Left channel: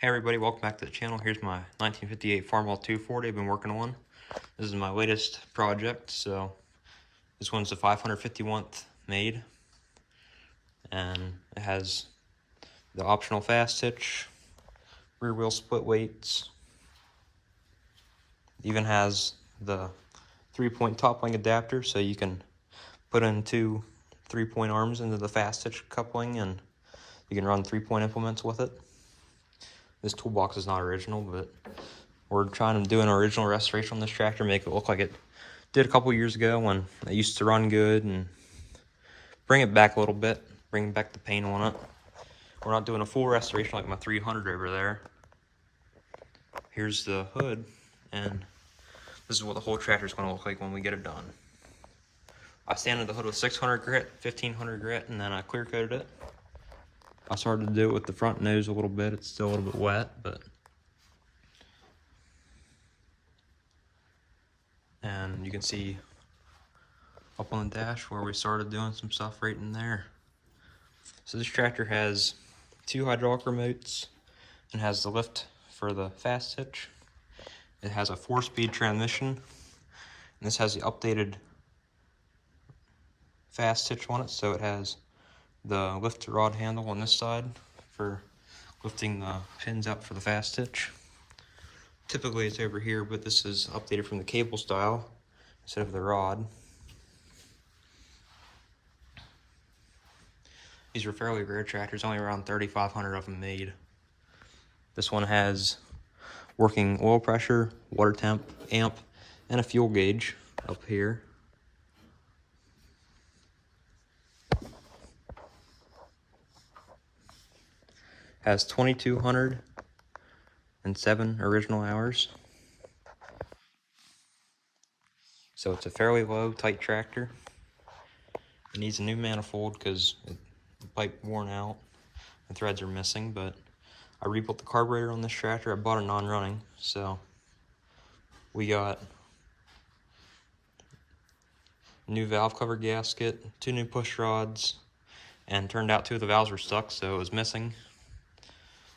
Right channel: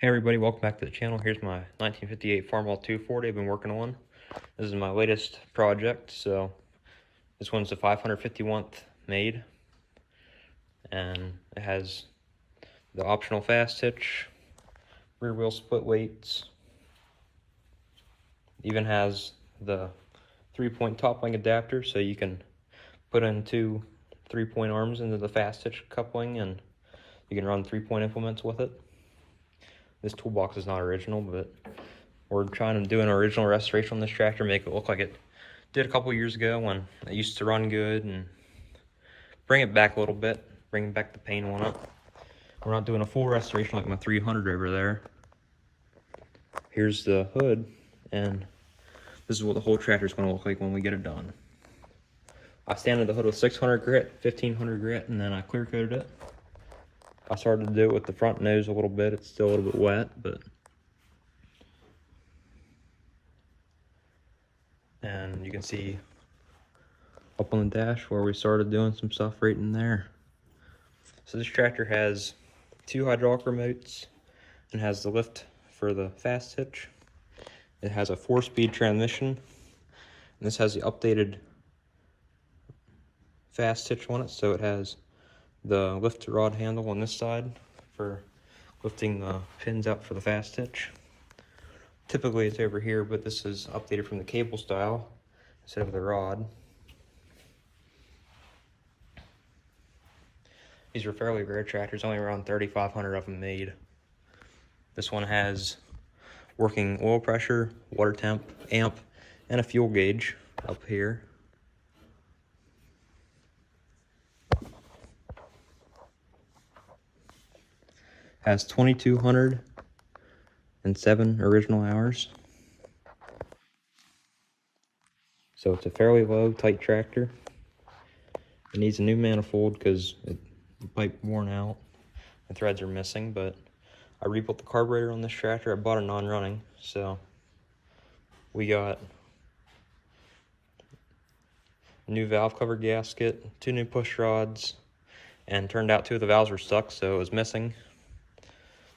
Hey everybody, welcome back to the channel. Here's my 1958 Farmall 240 I've been working on. This is my latest project, so this one's the 551th made, and it has the optional fast hitch, rear wheel split weights, it even has the 3-point top link adapter, so you can put in two 3-point arms into the fast hitch coupling, and you can run 3-point implements with it. This toolbox is not original, but we're trying to do an original restoration on this tractor, make it look like it did a couple years ago when it used to run good, and bring it back a little bit, bring back the paint on it. We're not doing a full restoration like my 300 over there. Here's the hood, and this is what the whole tractor is going to look like when we get it done. I sanded the hood with 600 grit, 1500 grit, and then I clear coated it. I started to do it with the front nose a little bit. It's still a little bit wet, but and you can see up on the dash where we started doing some stuff right in there. So this tractor has 2 hydraulic remotes and has the lift for the fast hitch. It has a 4-speed transmission, and this has the updated fast hitch on it, so it has the lift rod handle on this side for lifting the pins out for the fast hitch. Typically it's over here, but this is updated from the cable style instead of the rod. These are fairly rare tractors, only around 3,500 of them made. This one has working oil pressure, water temp, amp, and a fuel gauge up here. Has 2,207 original hours. So it's a fairly low, tight tractor. It needs a new manifold because the pipe worn out. The threads are missing, but I rebuilt the carburetor on this tractor. I bought it non-running, so we got a new valve cover gasket, 2 new push rods, and turned out 2 of the valves were stuck, so it was missing.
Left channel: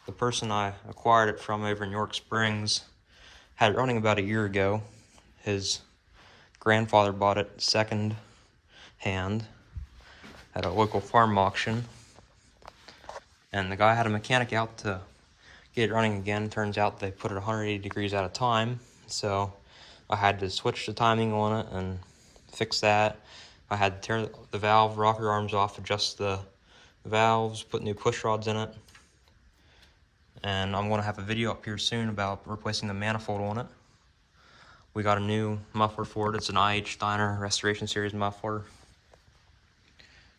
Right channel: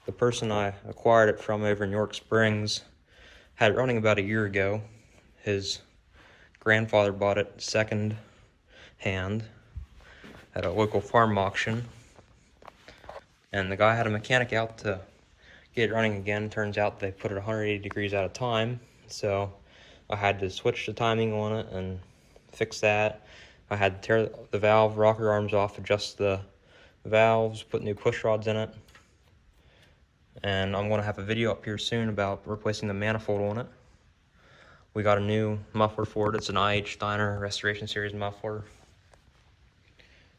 The person I acquired it from over in York Springs had it running about a year ago. His grandfather bought it second hand at a local farm auction, and the guy had a mechanic out to get it running again. Turns out they put it 180 degrees at a time, so I had to switch the timing on it and fix that. I had to tear the valve rocker arms off, adjust the valves, put new push rods in it, and I'm going to have a video up here soon about replacing the manifold on it. We got a new muffler for it. It's an IH Steiner Restoration Series muffler.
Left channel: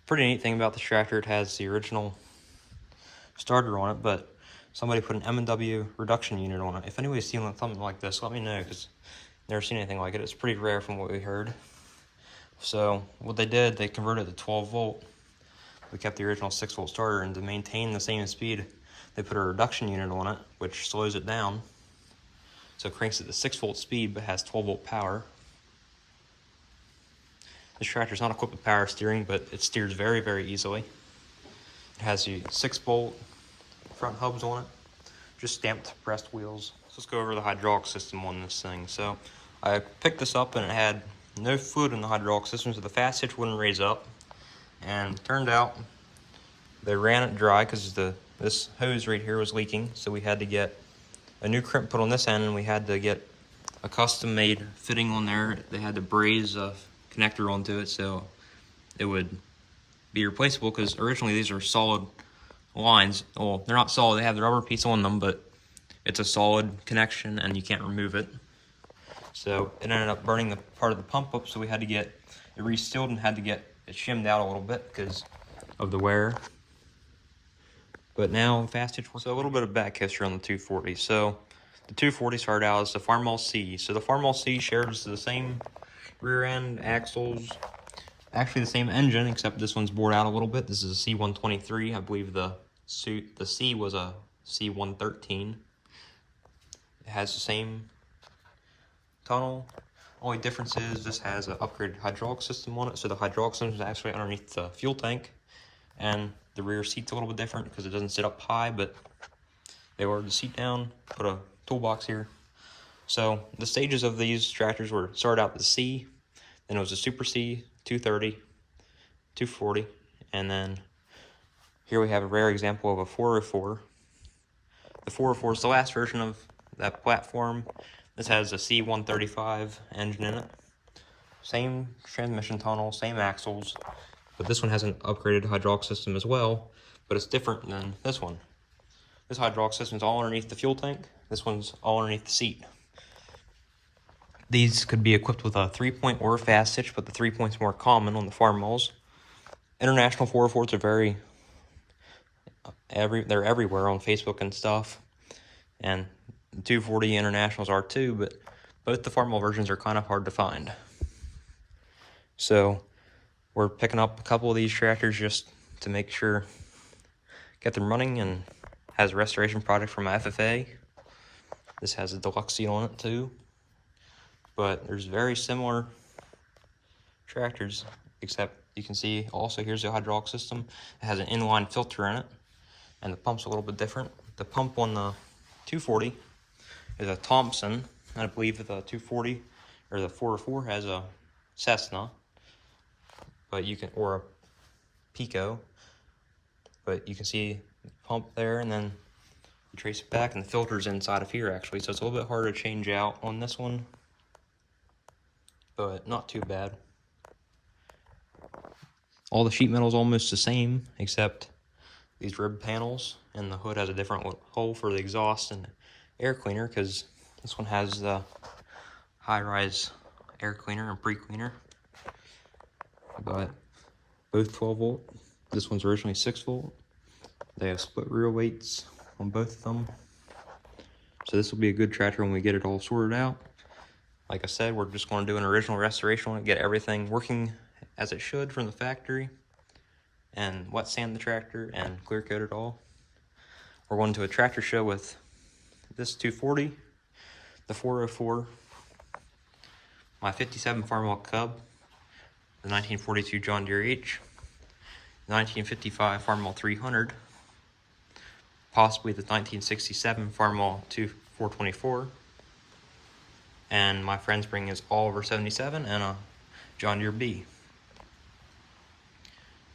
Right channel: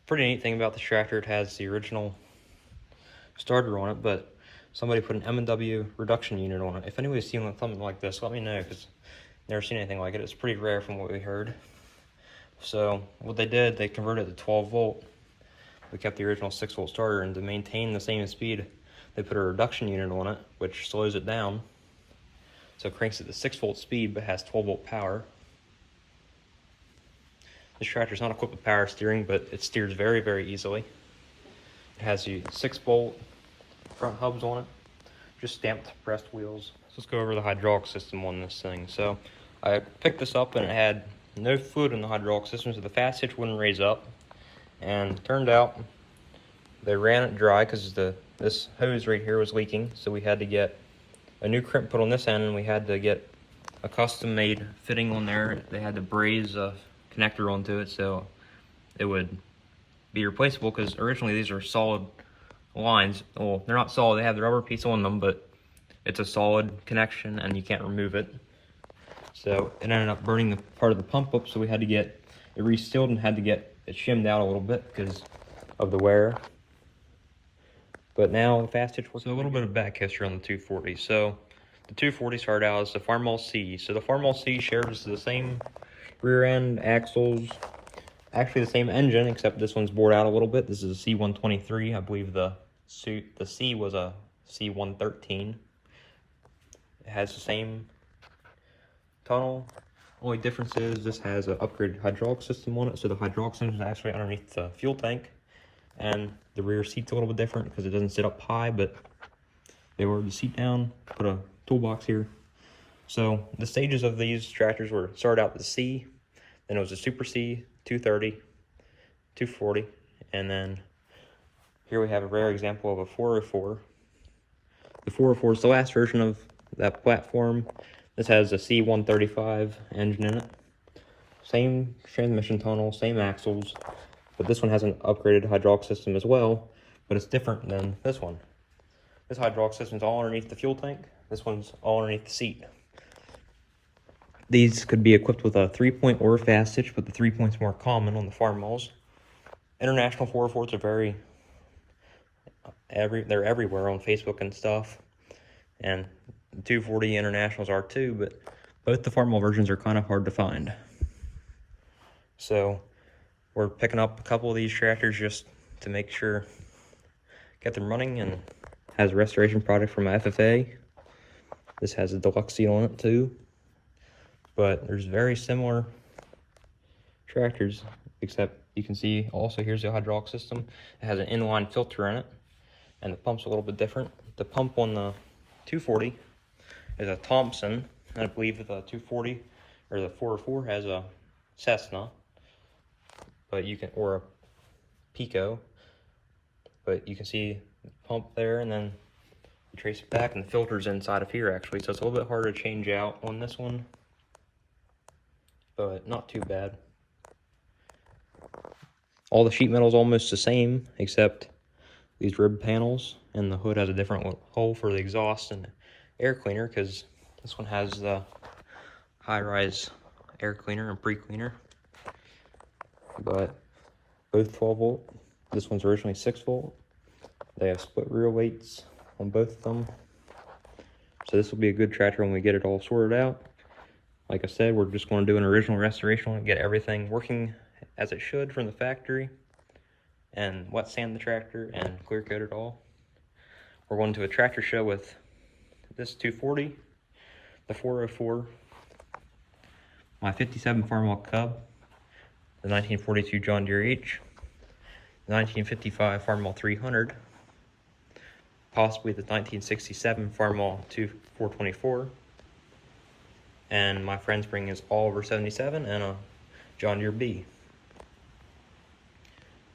Pretty neat thing about this tractor, it has the original starter on it, but somebody put an M&W reduction unit on it. If anybody's seen something like this, let me know, because I've never seen anything like it. It's pretty rare from what we heard. So what they did, they converted it to 12 volt. We kept the original 6 volt starter, and to maintain the same speed, they put a reduction unit on it, which slows it down. So it cranks it to 6 volt speed, but has 12 volt power. This tractor is not equipped with power steering, but it steers very, very easily. It has the 6 bolt front hubs on it, just stamped pressed wheels. Let's go over the hydraulic system on this thing. So I picked this up and it had no fluid in the hydraulic system, so the fast hitch wouldn't raise up. And turned out they ran it dry because this hose right here was leaking, so we had to get a new crimp put on this end, and we had to get a custom made fitting on there. They had to braze a connector onto it so it would be replaceable, because originally these are solid lines. Well, they're not solid, they have the rubber piece on them, but it's a solid connection and you can't remove it. So it ended up burning the part of the pump up, so we had to get it resealed and had to get it shimmed out a little bit because of the wear. But now fast hitch was a little bit of back history on the 240. So the 240 started out as the Farmall C. So the Farmall C shares the same rear end, axles, actually the same engine, except this one's bored out a little bit. This is a C123. I believe the C was a C113. It has the same tunnel. Only difference is this has an upgraded hydraulic system on it. So the hydraulic system is actually underneath the fuel tank, and the rear seat's a little bit different because it doesn't sit up high, but They lowered the seat down, put a toolbox here. So the stages of these tractors were started out with the C, then it was a Super C, 230, 240, and then here we have a rare example of a 404. The 404 is the last version of that platform. This has a C135 engine in it. Same transmission tunnel, same axles, but this one has an upgraded hydraulic system as well, but it's different than this one. This hydraulic system is all underneath the fuel tank. This one's all underneath the seat. These could be equipped with a 3-point or a fast hitch, but the 3-point's more common on the Farmalls. International 404s are they're everywhere on Facebook and stuff, and the 240 Internationals are too, but both the Farmall versions are kind of hard to find. So we're picking up a couple of these tractors just to make sure, get them running, and has a restoration product from FFA. This has a deluxe seat on it too. But there's very similar tractors, except you can see also here's the hydraulic system. It has an inline filter in it, and the pump's a little bit different. The pump on the 240 is a Thompson, and I believe the 240 or the 404 has a Cessna, but you can, or a Pico, but you can see the pump there, and then you trace it back, and the filter's inside of here actually, so it's a little bit harder to change out on this one, but not too bad. All the sheet metal is almost the same, except these rib panels, and the hood has a different hole for the exhaust and air cleaner, because this one has the high-rise air cleaner and pre-cleaner. But both 12 volt. This one's originally 6 volt. They have split rear weights on both of them. So this will be a good tractor when we get it all sorted out. Like I said, we're just going to do an original restoration on it, get everything working as it should from the factory, and wet sand the tractor and clear coat it all. We're going to a tractor show with this 240, the 404, my 57 Farmall Cub, the 1942 John Deere H, the 1955 Farmall 300, possibly the 1967 Farmall 424, and my friend's bringing his Oliver 77 and a John Deere B.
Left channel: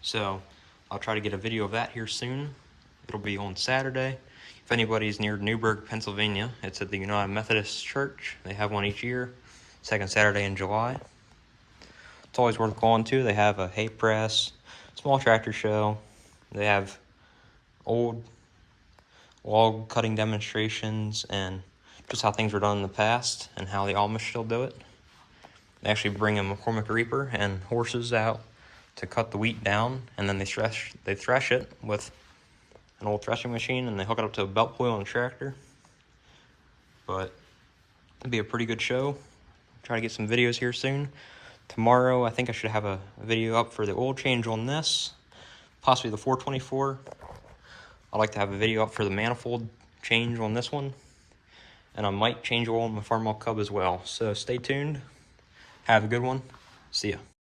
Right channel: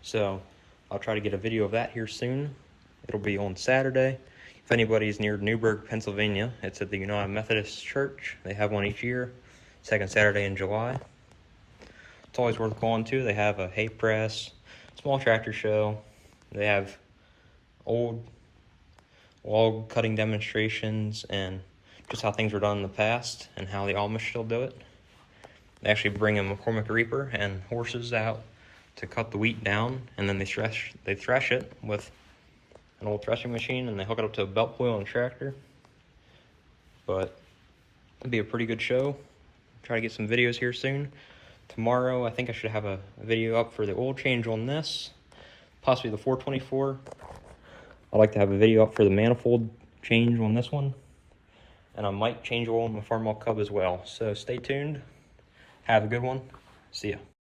So I'll try to get a video of that here soon. It'll be on Saturday. If anybody's near Newburgh, Pennsylvania, it's at the United Methodist Church. They have one each year, second Saturday in July. It's always worth going to. They have a hay press, small tractor show. They have old log cutting demonstrations and just how things were done in the past and how the Amish still do it. They actually bring a McCormick reaper and horses out to cut the wheat down, and then they thresh it with an old threshing machine, and they hook it up to a belt wheel on a tractor. But it'll be a pretty good show. Try to get some videos here soon. Tomorrow, I think I should have a video up for the oil change on this, possibly the 424. I'd like to have a video up for the manifold change on this one, and I might change oil on my Farmall Cub as well. So stay tuned. Have a good one. See ya.